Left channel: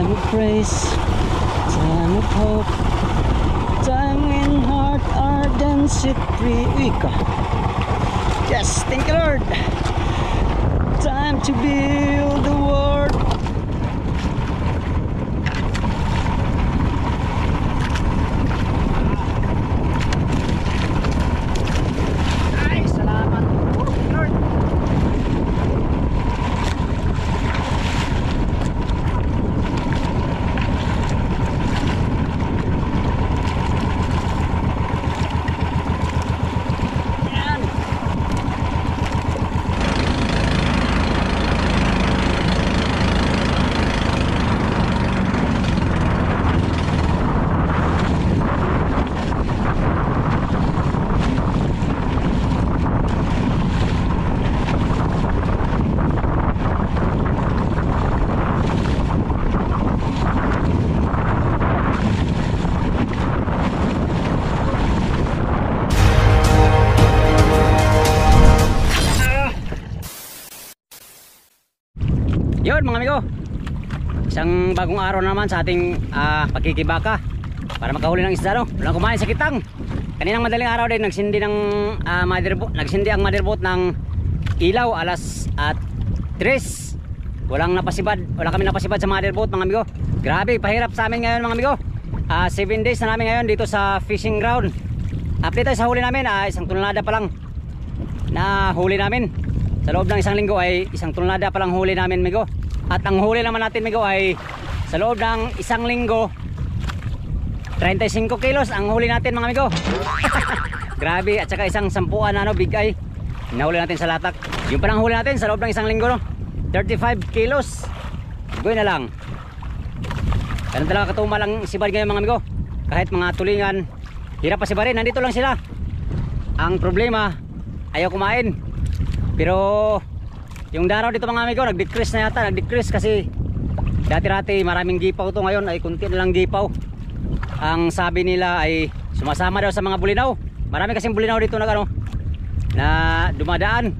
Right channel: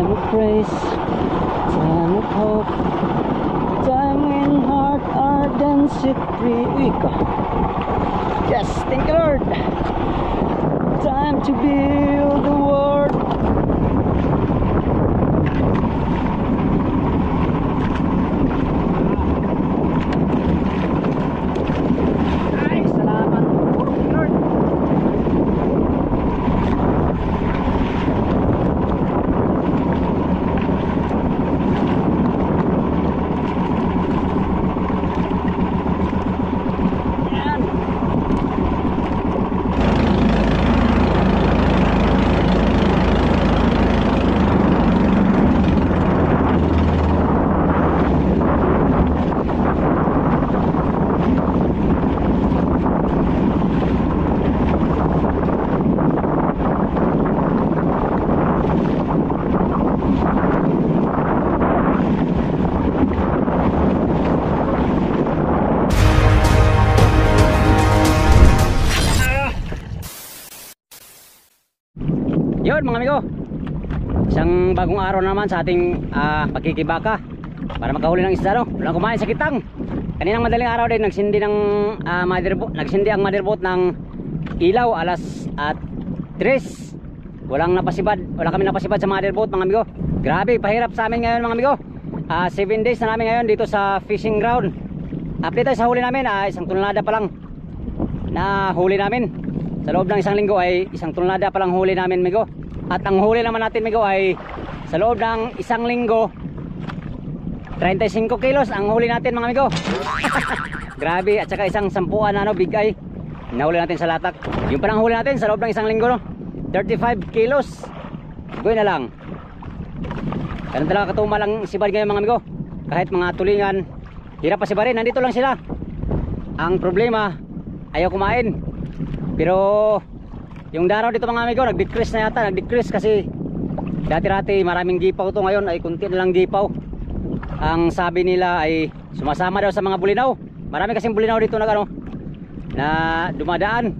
Time of praise, time of hope, time when heart ardent set free. Uy ka. Yes, thank you Lord. Time to build the world. Ay, salamat Lord. Yun mga amigo, isang bagong araw naman sa ating pagkikibaka para makahuli ng isda, no? Walang kumain sa kitang. Kaninang madaling araw din nagsindi ng nagsindi ang motherboard ng ilaw alas at 3. Wala kami napasibad sa motherboard mga amigo. Grabe, pahirap sa amin ngayon mga amigo. 7 days na namin ngayon dito sa fishing ground. Update tayo sa huli namin, isang tonelada pa lang na huli namin. Sa loob ng isang linggo ay isang tonelada pa lang huli namin amigo. At ang huli naman natin amigo ay sa loob ng isang linggo 35 kilos ang huli natin mga amigo. Grabe, at saka isang sampuan na big eye nahuli natin sa latak. Yung parang huli natin sa loob ng isang linggo, no? 35 kilos. Goy na lang. Ganun talaga katuma lang sibad ngayon mga amigo. Kahit mga tulingan, hirap pa sibarin, nandito lang sila. Ang problema, ayaw kumain. Pero yung daraw dito mga amigo nag-decrease na yata, kasi dati-dati maraming gipaw to, ngayon ay kunti na lang gipaw. Ang sabi nila ay sumasama daw sa mga bulinaw. Marami kasing bulinaw dito na dumadaan.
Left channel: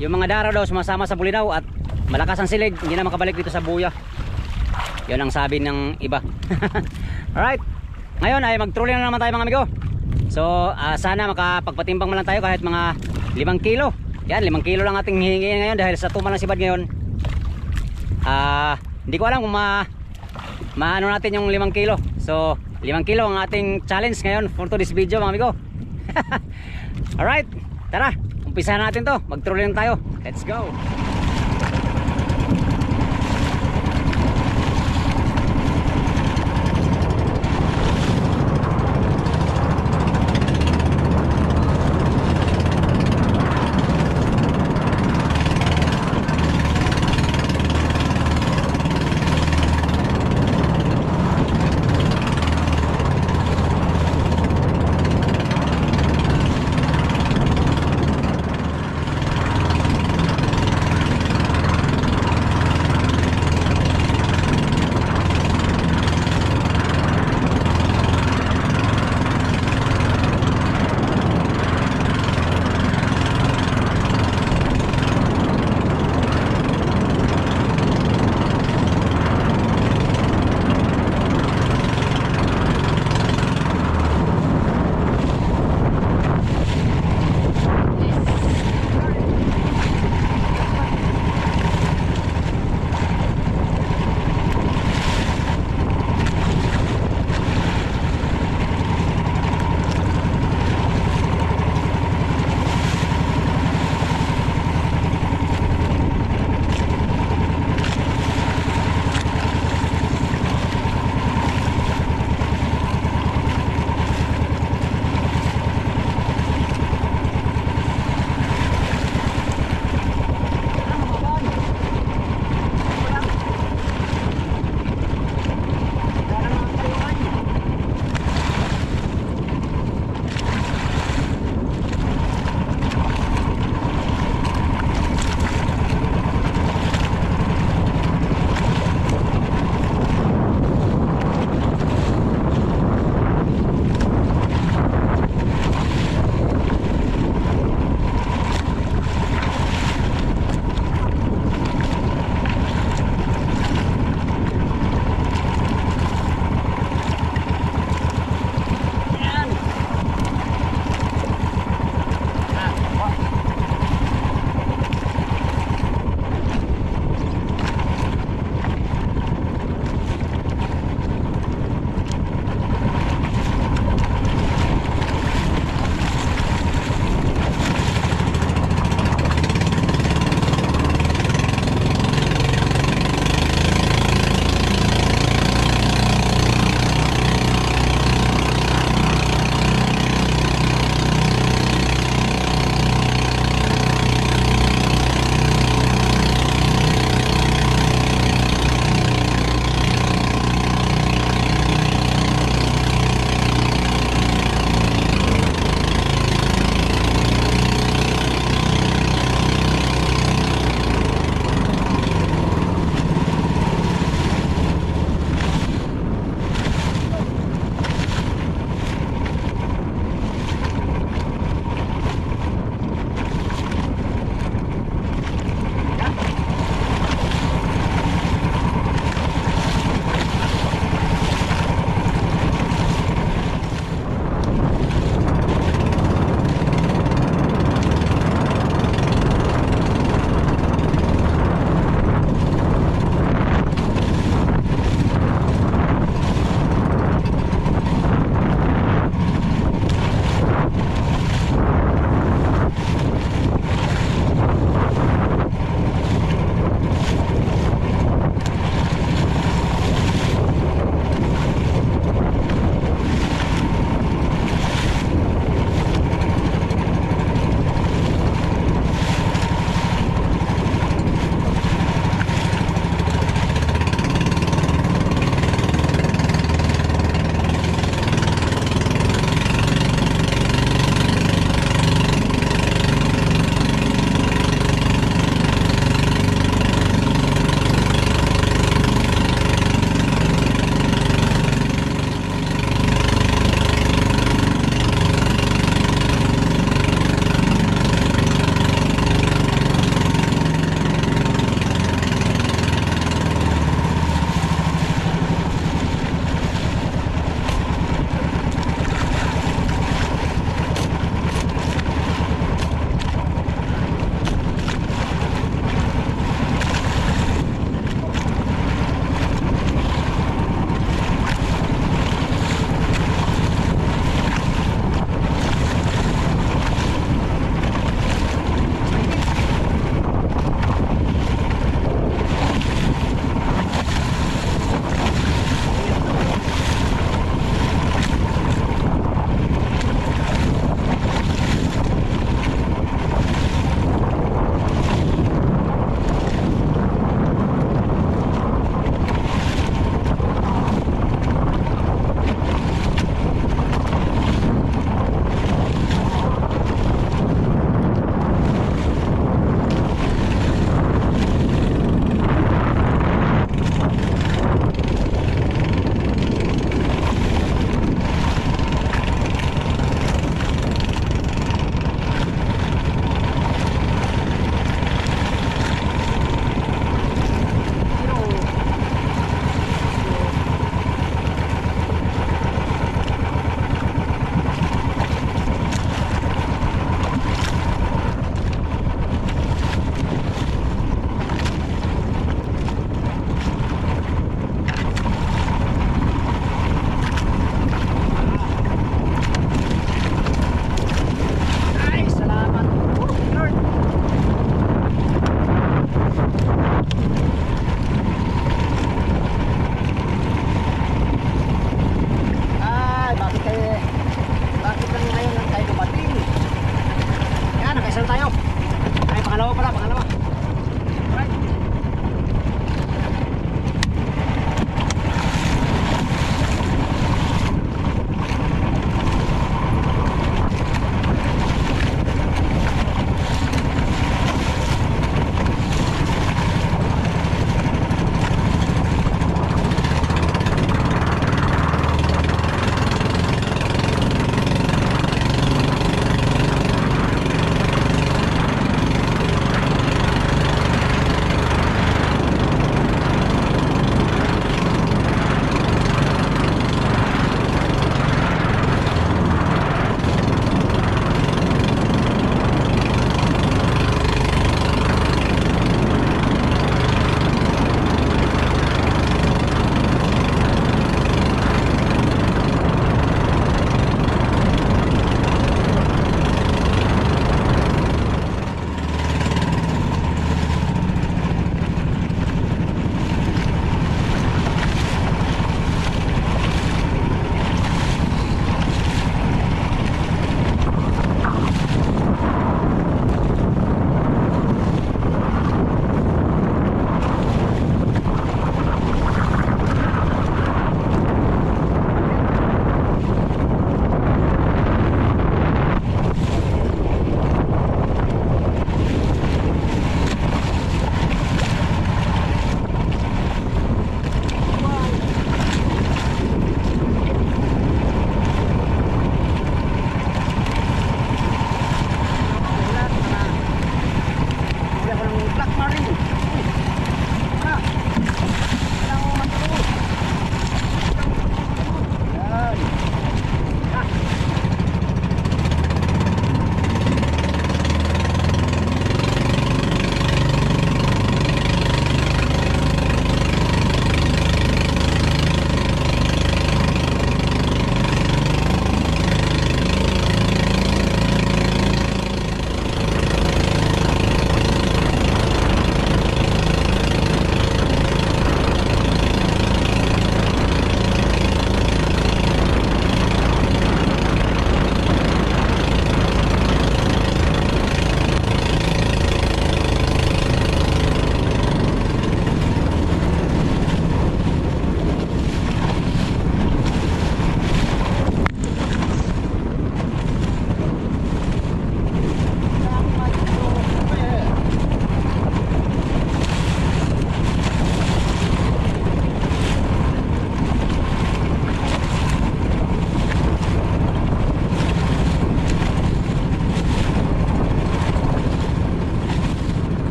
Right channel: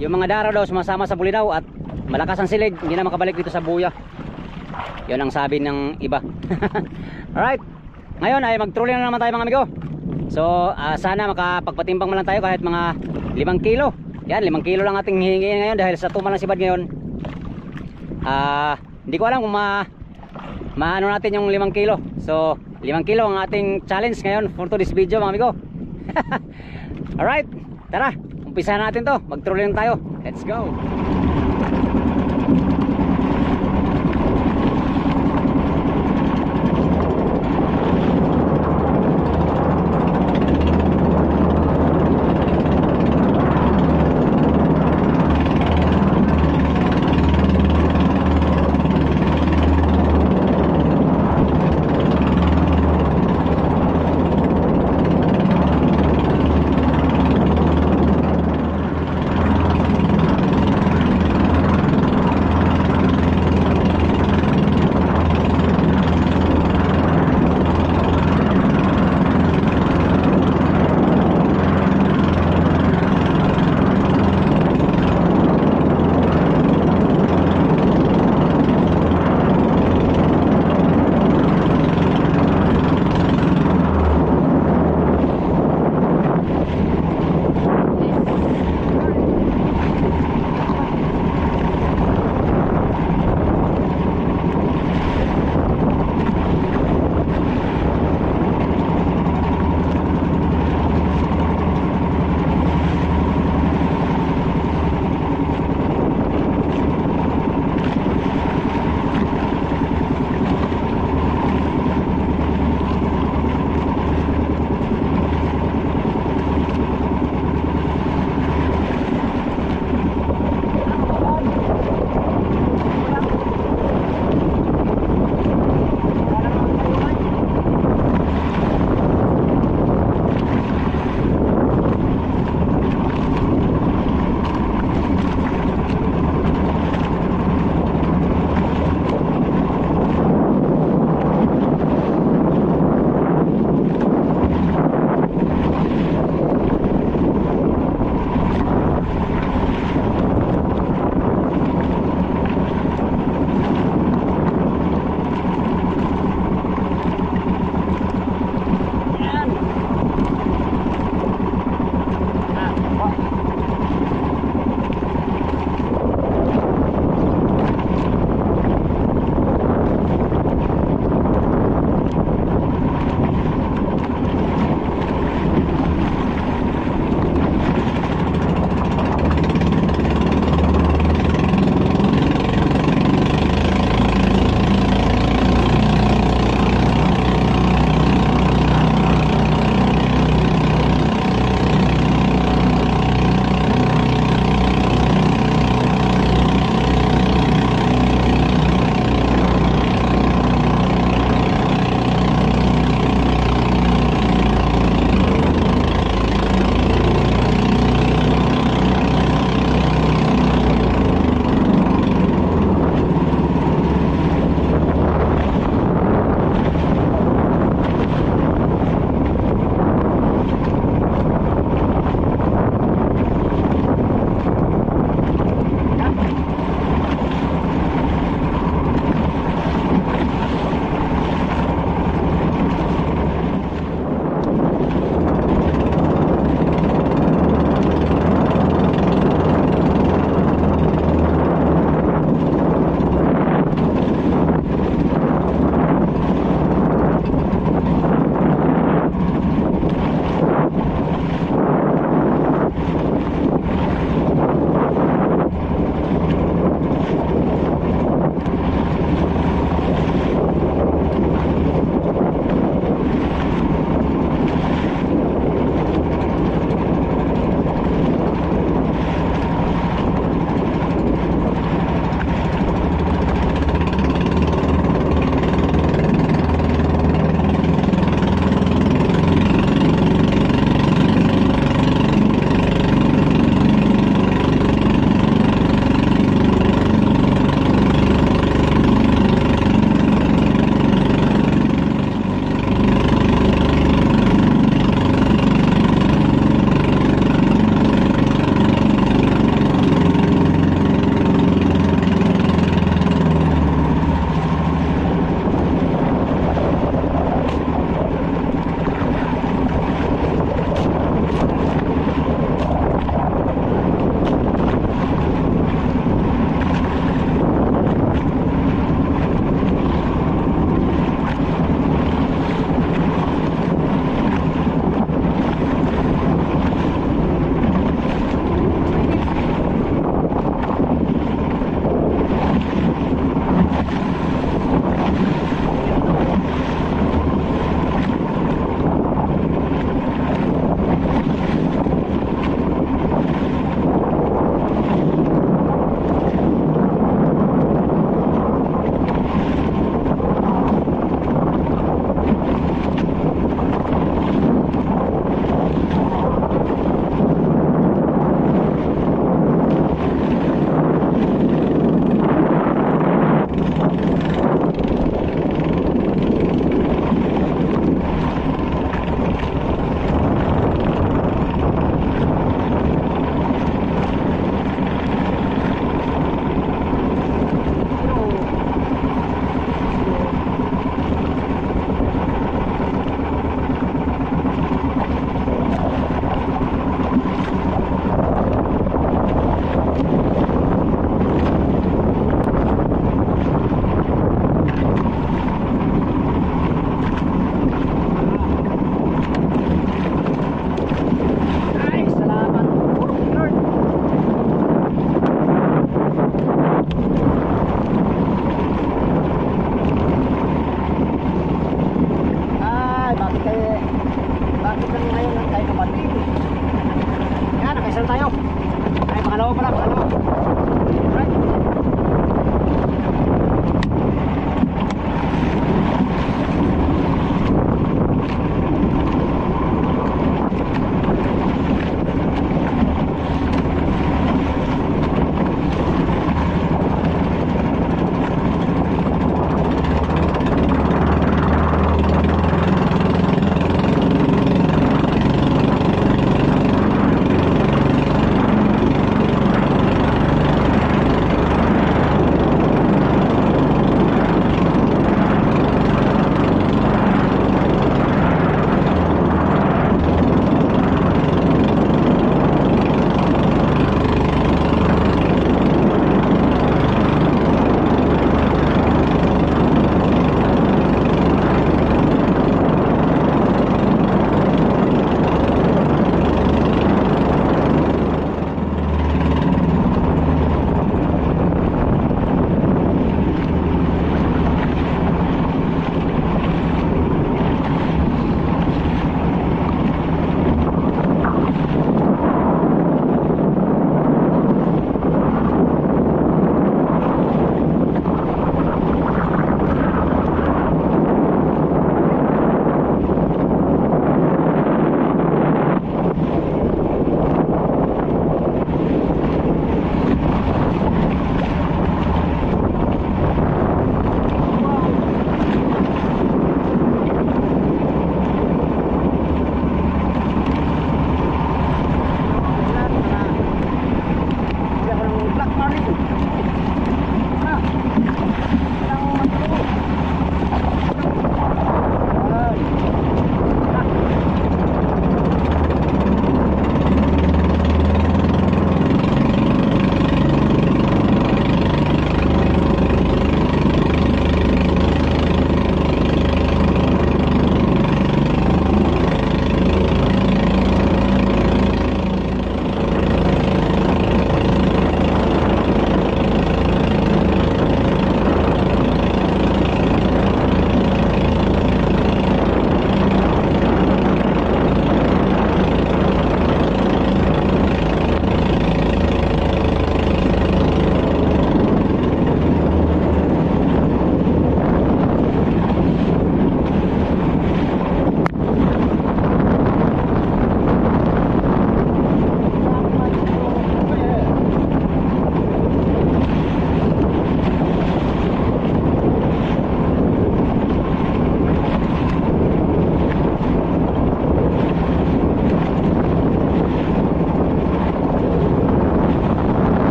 Yung mga daraw daw sumasama sa bulinaw at malakas ang silig, hindi na makabalik dito sa buya. Yun ang sabi ng iba. Alright, ngayon ay mag-trolling na naman tayo mga amigo. So sana makapagpatimbang man lang tayo kahit mga 5 kilo. Yan, 5 kilo lang ating hihingi ngayon dahil sa tumal ng sibad ngayon. Hindi ko alam kung maano natin yung 5 kilo. So 5 kilo ang ating challenge ngayon for today's video mga amigo. Alright, tara, umpisahan natin to. Mag-trolling tayo. Let's go.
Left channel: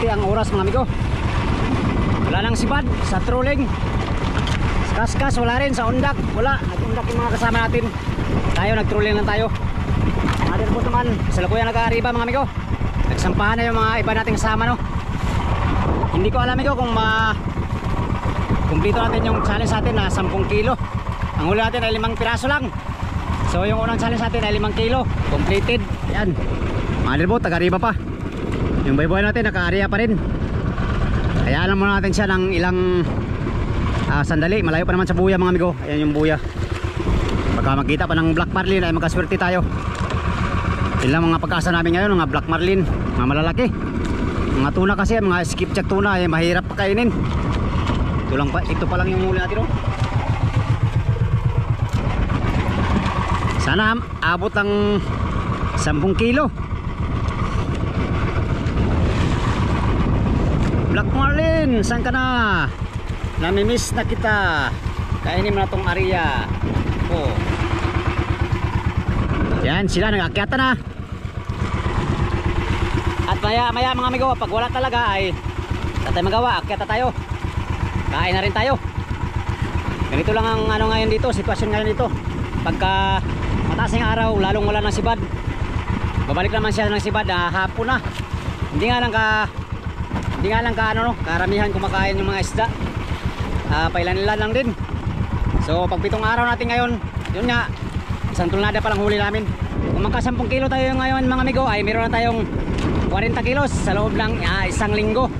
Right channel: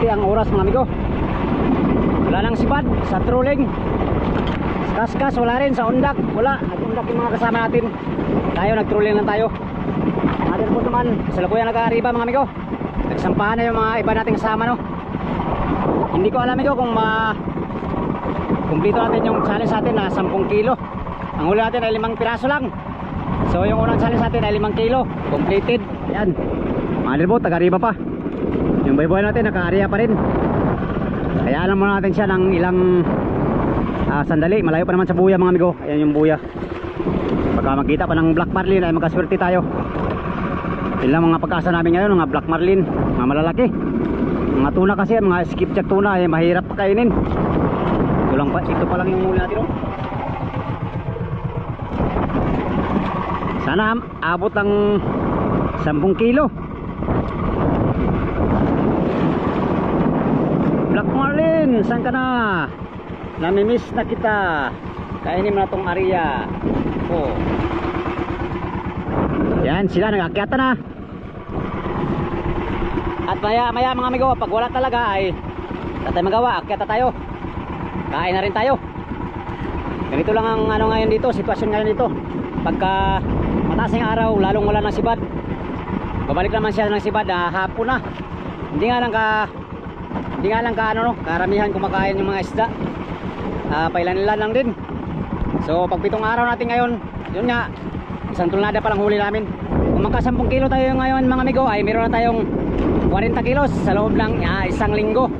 7:30 ang oras mga amigo. Wala nang sibad sa trolling. Kaskas wala rin sa undak. Wala, nag-undak yung mga kasama natin. Tayo nag-trolling lang tayo. Natin po naman, sa lukuyan nag-aariba mga amigo. Nagsampahan na yung mga iba nating kasama, no. Hindi ko alam amigo kung kumpleto natin yung challenge natin na 10 kilo. Ang huli natin ay 5 piraso lang. So yung unang challenge natin ay 5 kilo completed. Yan. Mga po, taga-ariba pa. Yung bayboy natin naka-area pa rin. Kaya alam muna natin siya ng ilang sandali. Malayo pa naman sa buya mga amigo. Ayan yung buya. Pagka magkita pa ng black marlin ay magkaswerte tayo. Yun lang mga pagkasa namin ngayon, mga black marlin, mga malalaki. Mga tuna kasi, mga skipjack tuna ay mahirap kainin. Ito pa lang yung muli natin, no? Sana abot ng 10 kilo. Black marlin, saan ka na? Namimiss na kita. Kainin mo na tong area. Oh. Yan, sila nag-akyata na. At maya mga amigo, pag wala talaga ay tatay magawa, akyata tayo. Kain na rin tayo. Ganito lang ang ano ngayon dito, sitwasyon ngayon dito. Pagka mataas ng araw, lalong wala ng sibad. Babalik naman siya ng sibad hapon na. Hindi nga lang karamihan kumakain yung mga isda. Pailan-ilan lang din. So pag 7 araw natin ngayon, yun nga, isang tulnada pa lang huli namin. Kung magka 10 kilo tayo ngayon mga amigo, ay meron na tayong 40 kilos sa loob ng isang linggo.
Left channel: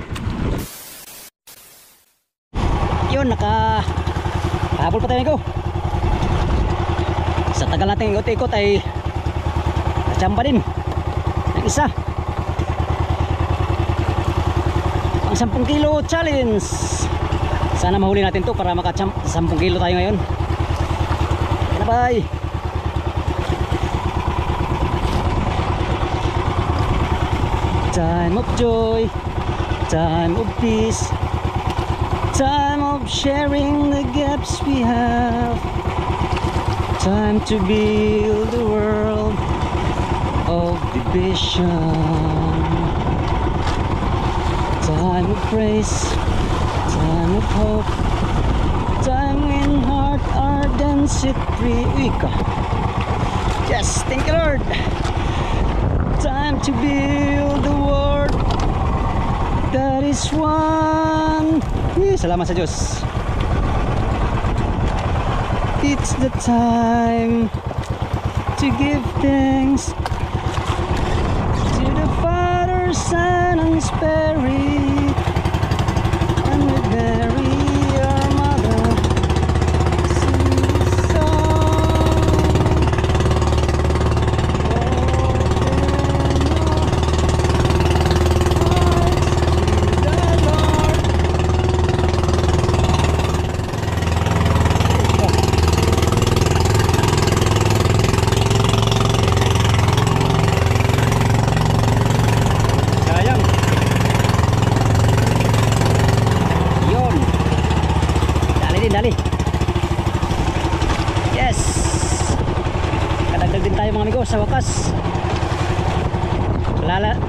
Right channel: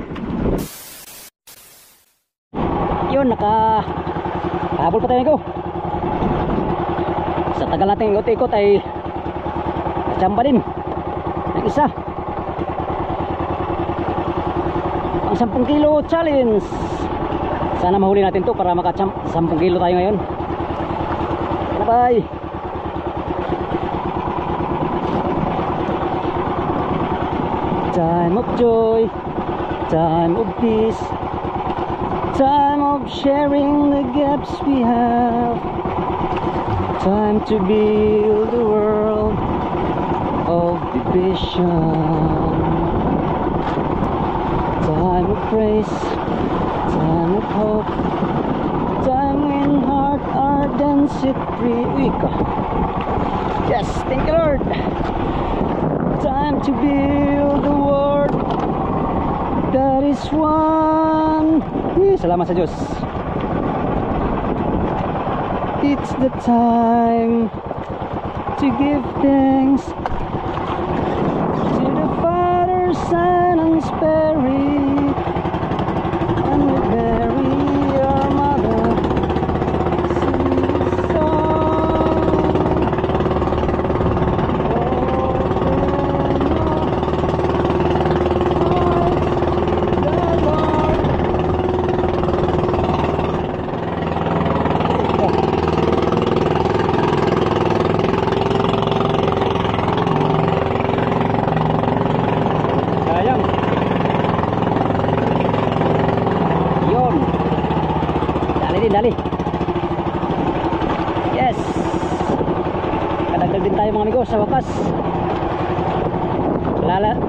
Yun, nakahabol pa tayo amigo. Sa tagal natin ikot-ikot ay nachamba din ng isa. Ang 10 kilo challenge. Sana mahuli natin to para maka 10 kilo tayo ngayon. Bye. Time of joy, time of peace, time of sharing the gaps we have, time to build a world of division, time of praise, time of hope, time in heart ardentity. Yes, thank you Lord. Time to build the world that is one. Salamat sa Diyos. It's the time to give thanks to the Father, Son, and Spirit, and with Mary our mother sing this song. Dali. Yes. Kadagdag din tayo mga amigo sa wakas.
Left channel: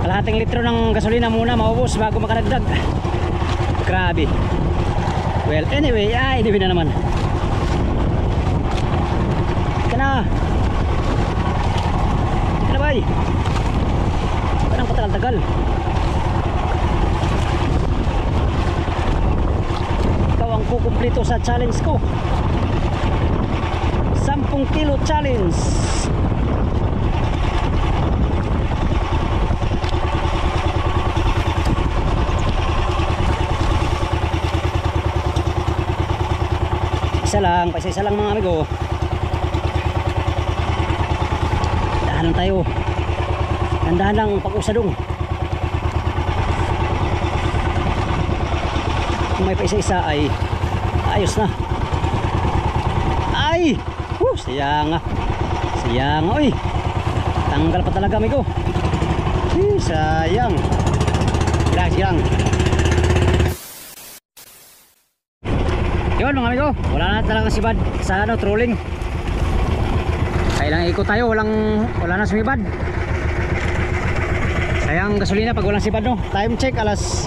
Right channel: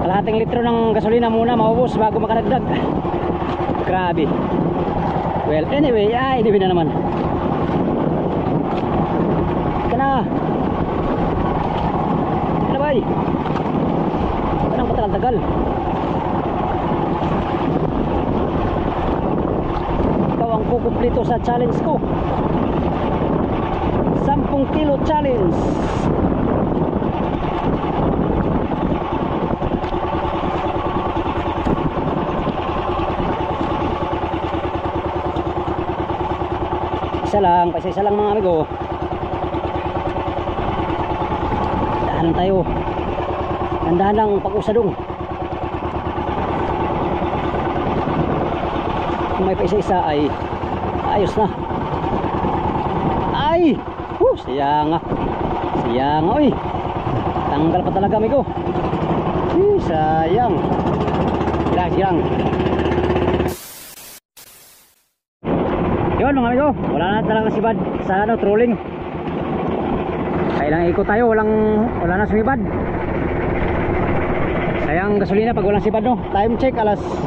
Kalahating litro ng gasolina muna maubos bago makadagdag. Grabe. Well, anyway na naman. Kana bay. Parang patagal-tagal. Kukumplito sa challenge ko, 10 kilo challenge. Isa lang mga amigo. Dahan tayo, dandahan lang pag-usadong. Kung may pa isa-isa ay ayos na. Ay! Sayang oy. Tanggal pa talaga amigo. Sayang. Sayang. Yun mga amigo, wala na talaga sibad sa trolling. Kailang ikot tayo, wala na sumibad. Sayang gasolina pag walang sipad no. Time check alas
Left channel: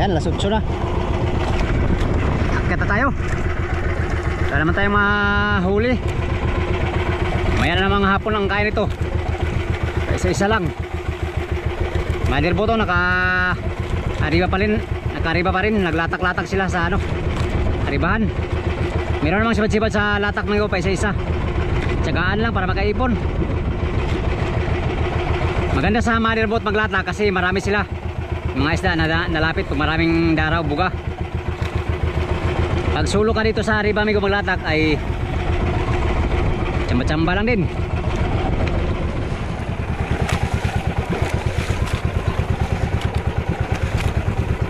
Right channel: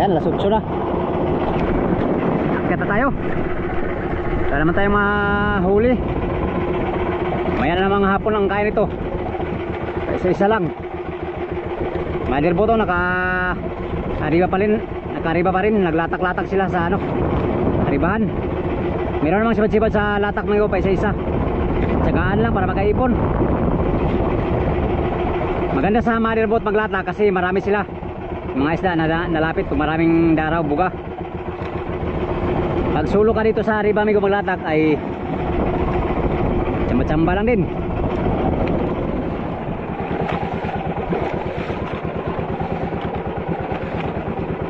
8 na. Akit na tayo. Wala naman tayong mahuli. Maya na namang hapon ang kain ito. Isa-isa lang. Madirbo to naka-arriba pa rin. Naglatak-latak sila sa ano, aribahan. Meron namang sibad-sibad sa latak mga pa isa-isa. Tsagaan lang para makaipon. Maganda sa motherboat maglatak kasi marami sila. Mga isda na nalapit pag maraming daraw, buga. Pag sulo ka dito sa riba amigo maglatak ay tsamba-tsamba lang din.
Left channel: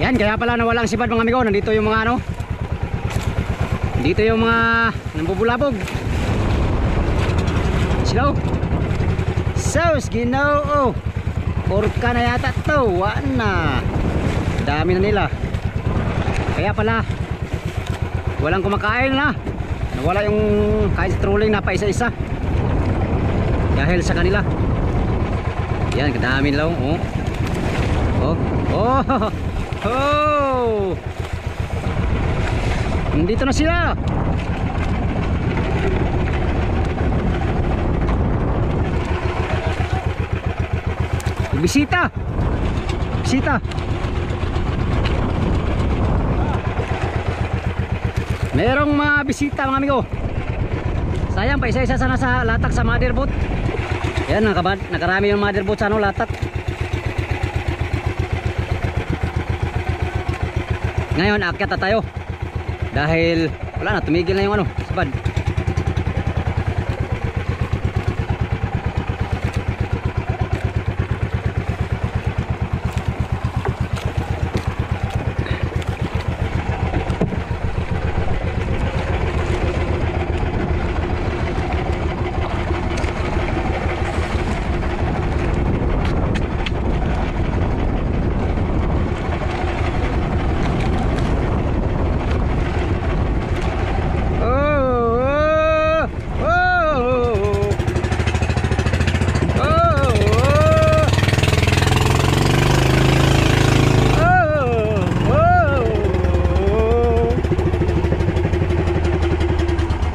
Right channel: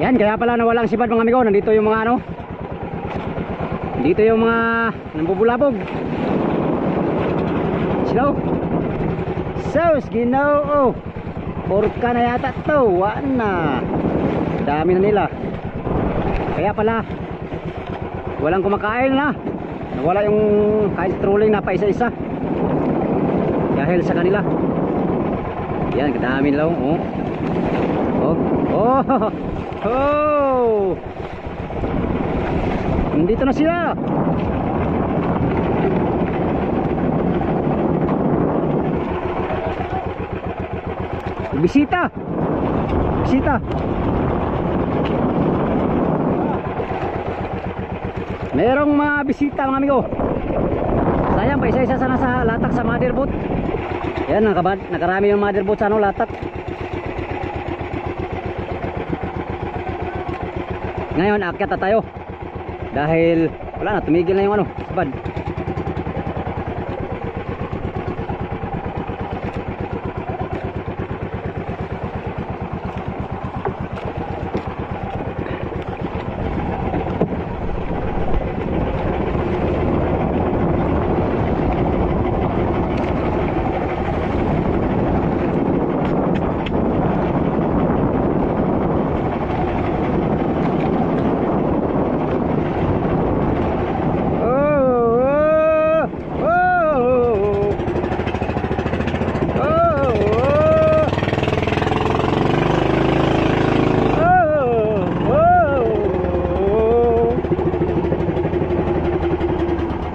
Yan, kaya pala nawala ang sipad mga amigo. Nandito yung mga ano, dito yung mga nambubulabog. Slow. Sauce, Ginoo. Orka na yata to. Wana. Dami na nila. Kaya pala walang kumakain na. Nawala yung kain sa trolling na pa isa-isa. Dahil sa kanila. Yan, kadami nila. Oh. Oh. Oh. Oh. Nandito na sila. Bisita. Bisita. Merong mga bisita mga amigo. Sayang pa isa-isa sana sa latak sa motherboat. Yan, nakarami yung motherboat sa ano, latak. Ngayon akyat na tayo. Dahil wala na, tumigil na yung ano, sabad.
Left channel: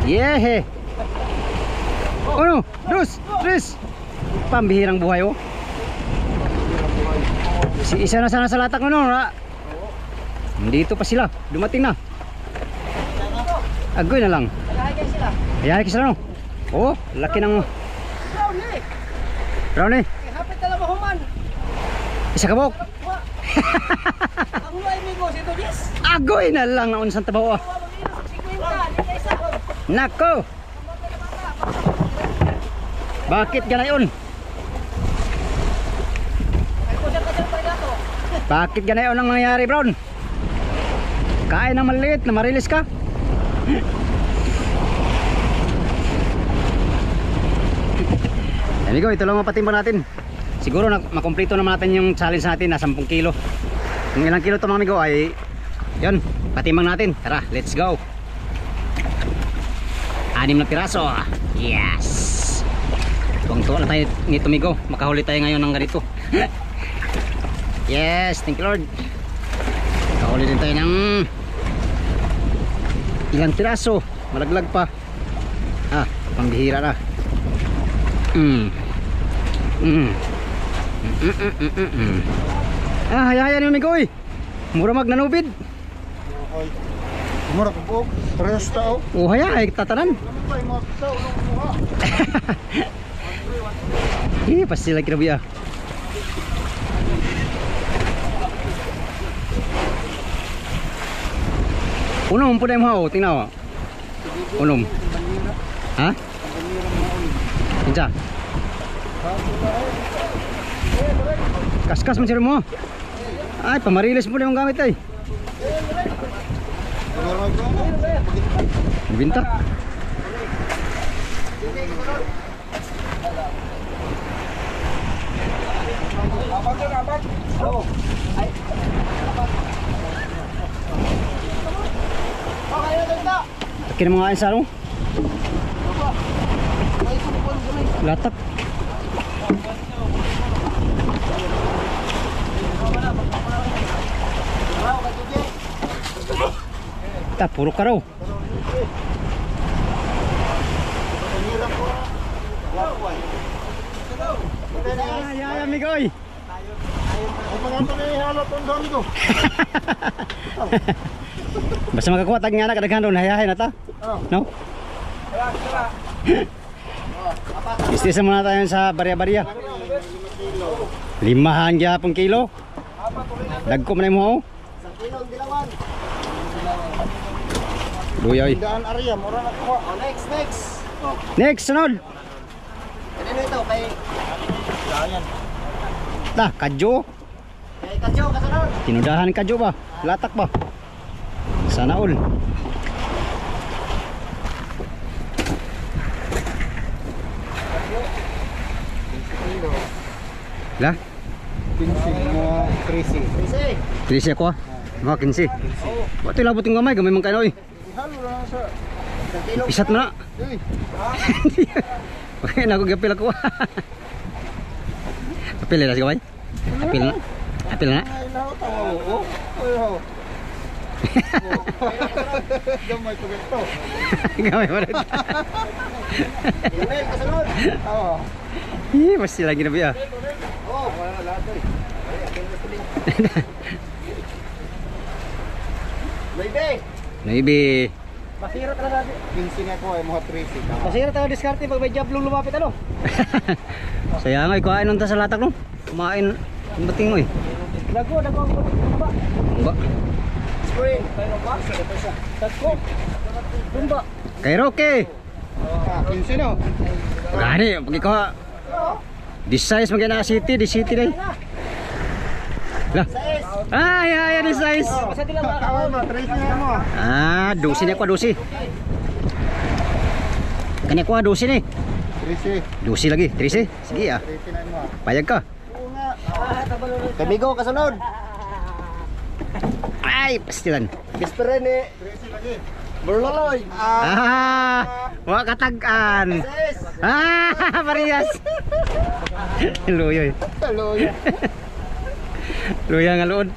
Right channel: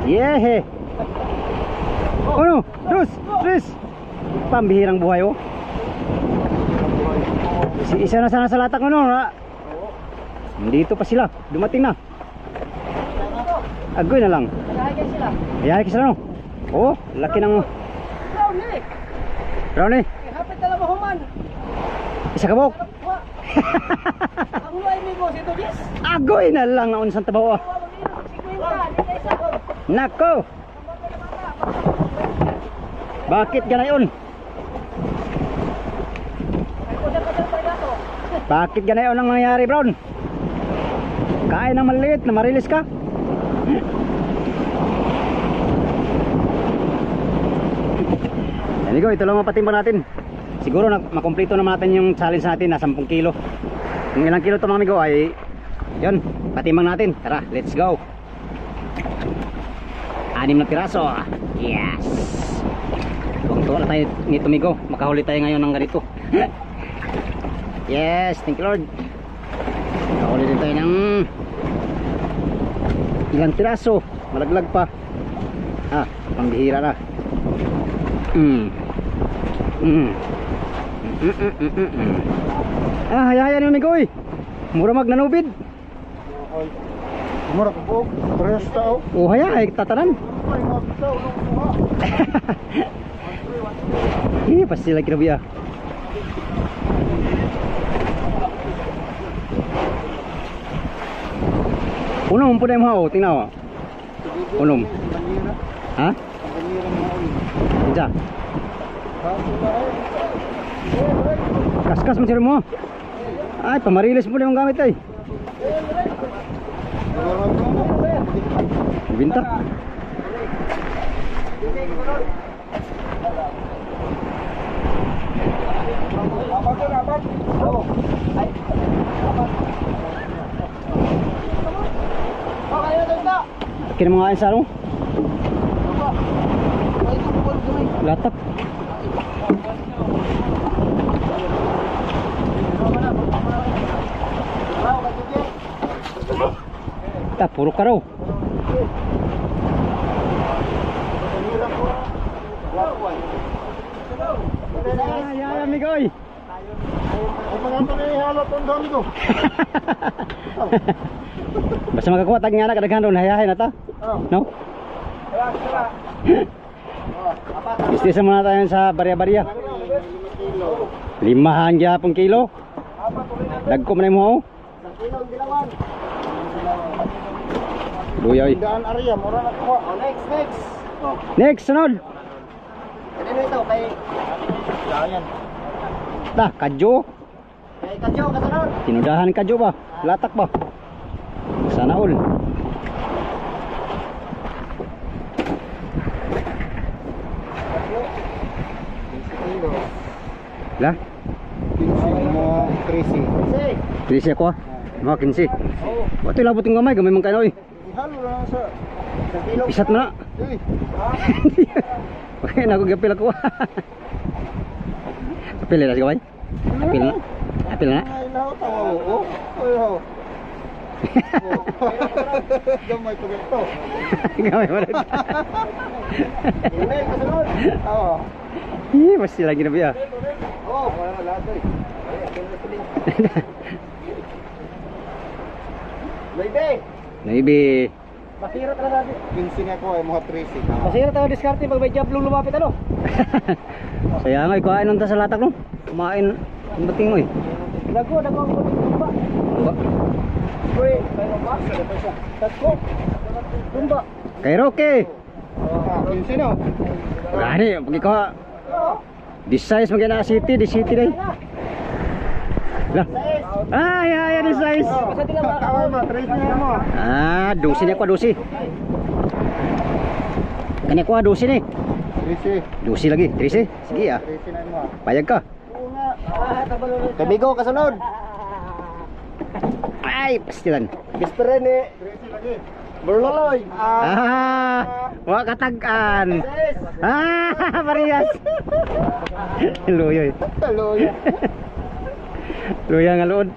Yehe. Ano? Tres. Pambihirang buhay oh. Isa na sana sa latak no. Dito pa sila. Dumating na. Agoy na lang. Ayahay sila no. Oh, laki ng Brownie. Hapit na lang mahuman. Isa kabok. Ang luay migo, ito yes. Agoy na lang na unsang tabaw. Nako. Bakit ganayon? Bakit ganayon ang nangyayari, Brown? Kain ng maliit na marilis ka? Amigo, ito lang mapatimbang natin. Siguro makompleto naman natin yung challenge natin na 10 kilo. Kung ilang kilo ito mga amigo ay yun, patimbang natin. Tara, let's go. 6 na piraso. Yes. Tuwang-tuwa na tayo nito amigo. Makahuli tayo ngayon ng ganito. Yes, thank you Lord. Makahuli din tayo ng ilang piraso. Malaglag pa. Pambihira na. Hayaan yung amigo eh. Mura magnanubid. Mura po, parehas tao. Oh, hayaan, tatanan. Pas sila kirabi ah. Unom po na yung hao, tingnan mo. Unom. Ha? Inja. Kaskas man sila mo. Ay, pamarilis mo na yung gamit ay. Binta. Kini mga kain sa ano? Latak. Ta, puro ka raw. Ay, amigoy. Ay, mga panihalap ang dami ko. Basta makakuha tag nga na kadaghan doon, hayahin na ta. No? Istisa muna tayo sa barya-barya. 5 gyapon kilo. Dagko man mo. Kilong dilawan. Luyoy. Daan area, mura na kuha. Oh, next. Next, sunod. Kanino ito? Kay Ta, kadyo. Kadyo, kasunod. Tinudahan kadyo ba? Latak ba? Sana all. Lah, Mga crazy. Kasi, 13 ako ah. Mga 15. Wato labot yung gamay, gamay man kayo eh. Halo na sa... Isat mo na. Uy, Okay, naku gapil ako. Apil na si gamay. Apil na. Apil na. ay laho tawa mo. Uy, ho. Gamay ko ganito. Gamay mo rin. Emel, kasunod. Oo. Ih, pasti lagi na biya. Oh, Wala na lahat eh. Maybe. Maybe. Masira talaga natin. 15 nga ko ay mga crazy. Masira talaga diskarte pag may job lumapit ano. Saya nga ikuhain nung ta sa latak no. Kumain. Ang bating mo eh. Dago ang ba? Ba. Spray. Kayo ba? Tatko. Tumba. Kay Roque. 15 no? Gani, pag ikaw this size magana city, di city dai. Lah. Ay, this size. Basta tila ba? Kawan mo, 13 nga mo. Ah, dosi ni ko dosi. Kani ko dosi ni. 13. Dosi lagi, 13. Sige ah. 13 na mo. Payag ka. Kabigo kasunod. Ay, pastilan. Gisperen ni 13 lagi. Berloloy. Wa katag-an. Sis. Parehas. Luyoy. Hello. Ya. Luya nga lood.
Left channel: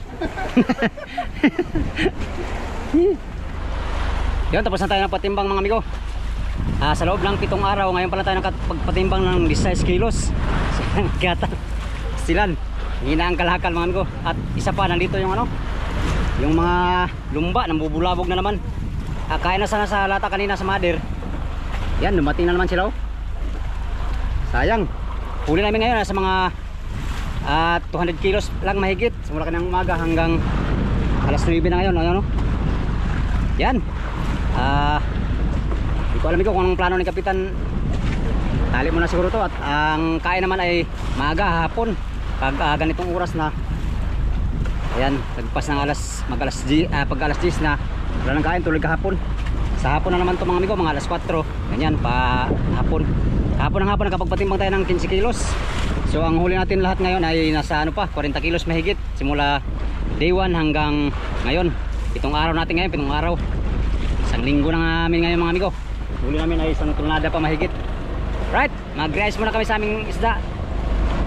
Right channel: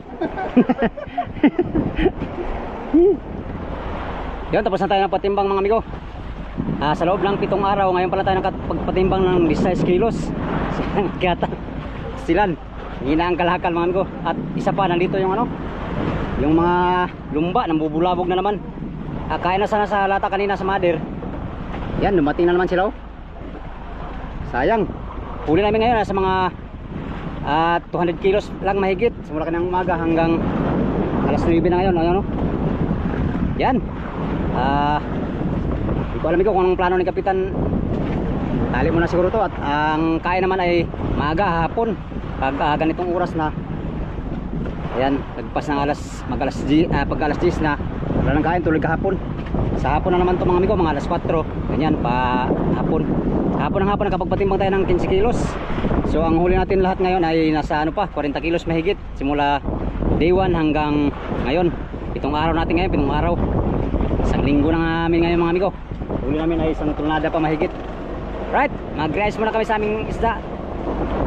Yun, tapos na tayo ng patimbang mga amigo. Sa loob ng 7 araw, ngayon pala tayo nakapagpatimbang ng 16 kilos. Kaya stilan. Hina ang kalakal mga amigo. At isa pa, nandito yung ano, yung mga lumba, nambubulabog na naman. Kain na sana sa lata kanina sa mother. Yan, dumating na naman sila oh. Sayang. Huli namin ngayon sa mga 200 kilos lang mahigit. Simula kanang umaga hanggang alas 9 na ngayon. Ano? Yan. Hindi ko alam ko kung anong plano ni Kapitan. Tali mo na siguro to. At ang kain naman ay maaga hapon. Pag ganitong oras na. Ayan, nagpas ng pag alas 10 na wala nang kain, tuloy kahapon. Sa hapon na naman to mga amigo, mga alas 4. Ganyan, pa hapon. Hapon nakapagpatimbang tayo ng 15 kilos. So ang huli natin lahat ngayon ay nasa ano pa, 40 kilos mahigit. Simula day 1 hanggang ngayon. 7 araw natin ngayon, 7 araw. Isang linggo na namin ngayon mga amigo. Huli namin ay isang tonelada pa mahigit. Right, mag-rice muna kami sa aming isda.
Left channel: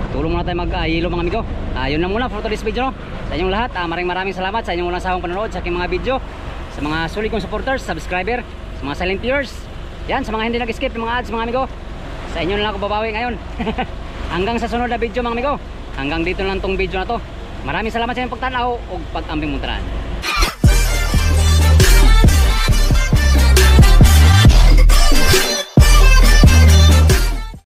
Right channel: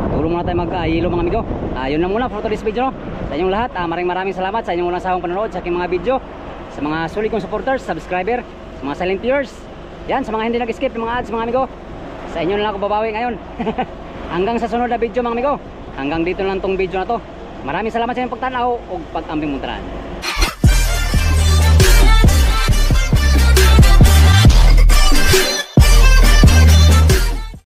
Tulong muna tayo mag-hilo mga amigo. Yun na muna for today's video no? Sa inyong lahat, maraming salamat sa inyong walang sawang panonood sa aking mga video. Sa mga sulit kong supporters, subscriber, sa mga silent viewers. Yan, sa mga hindi nag-skip ng mga ads mga amigo. Sa inyo na lang ako babawi ngayon. Hanggang sa sunod na video mga amigo. Hanggang dito na lang tong video na to. Maraming salamat sa inyong pagtanaw o pag-ambing muntaran.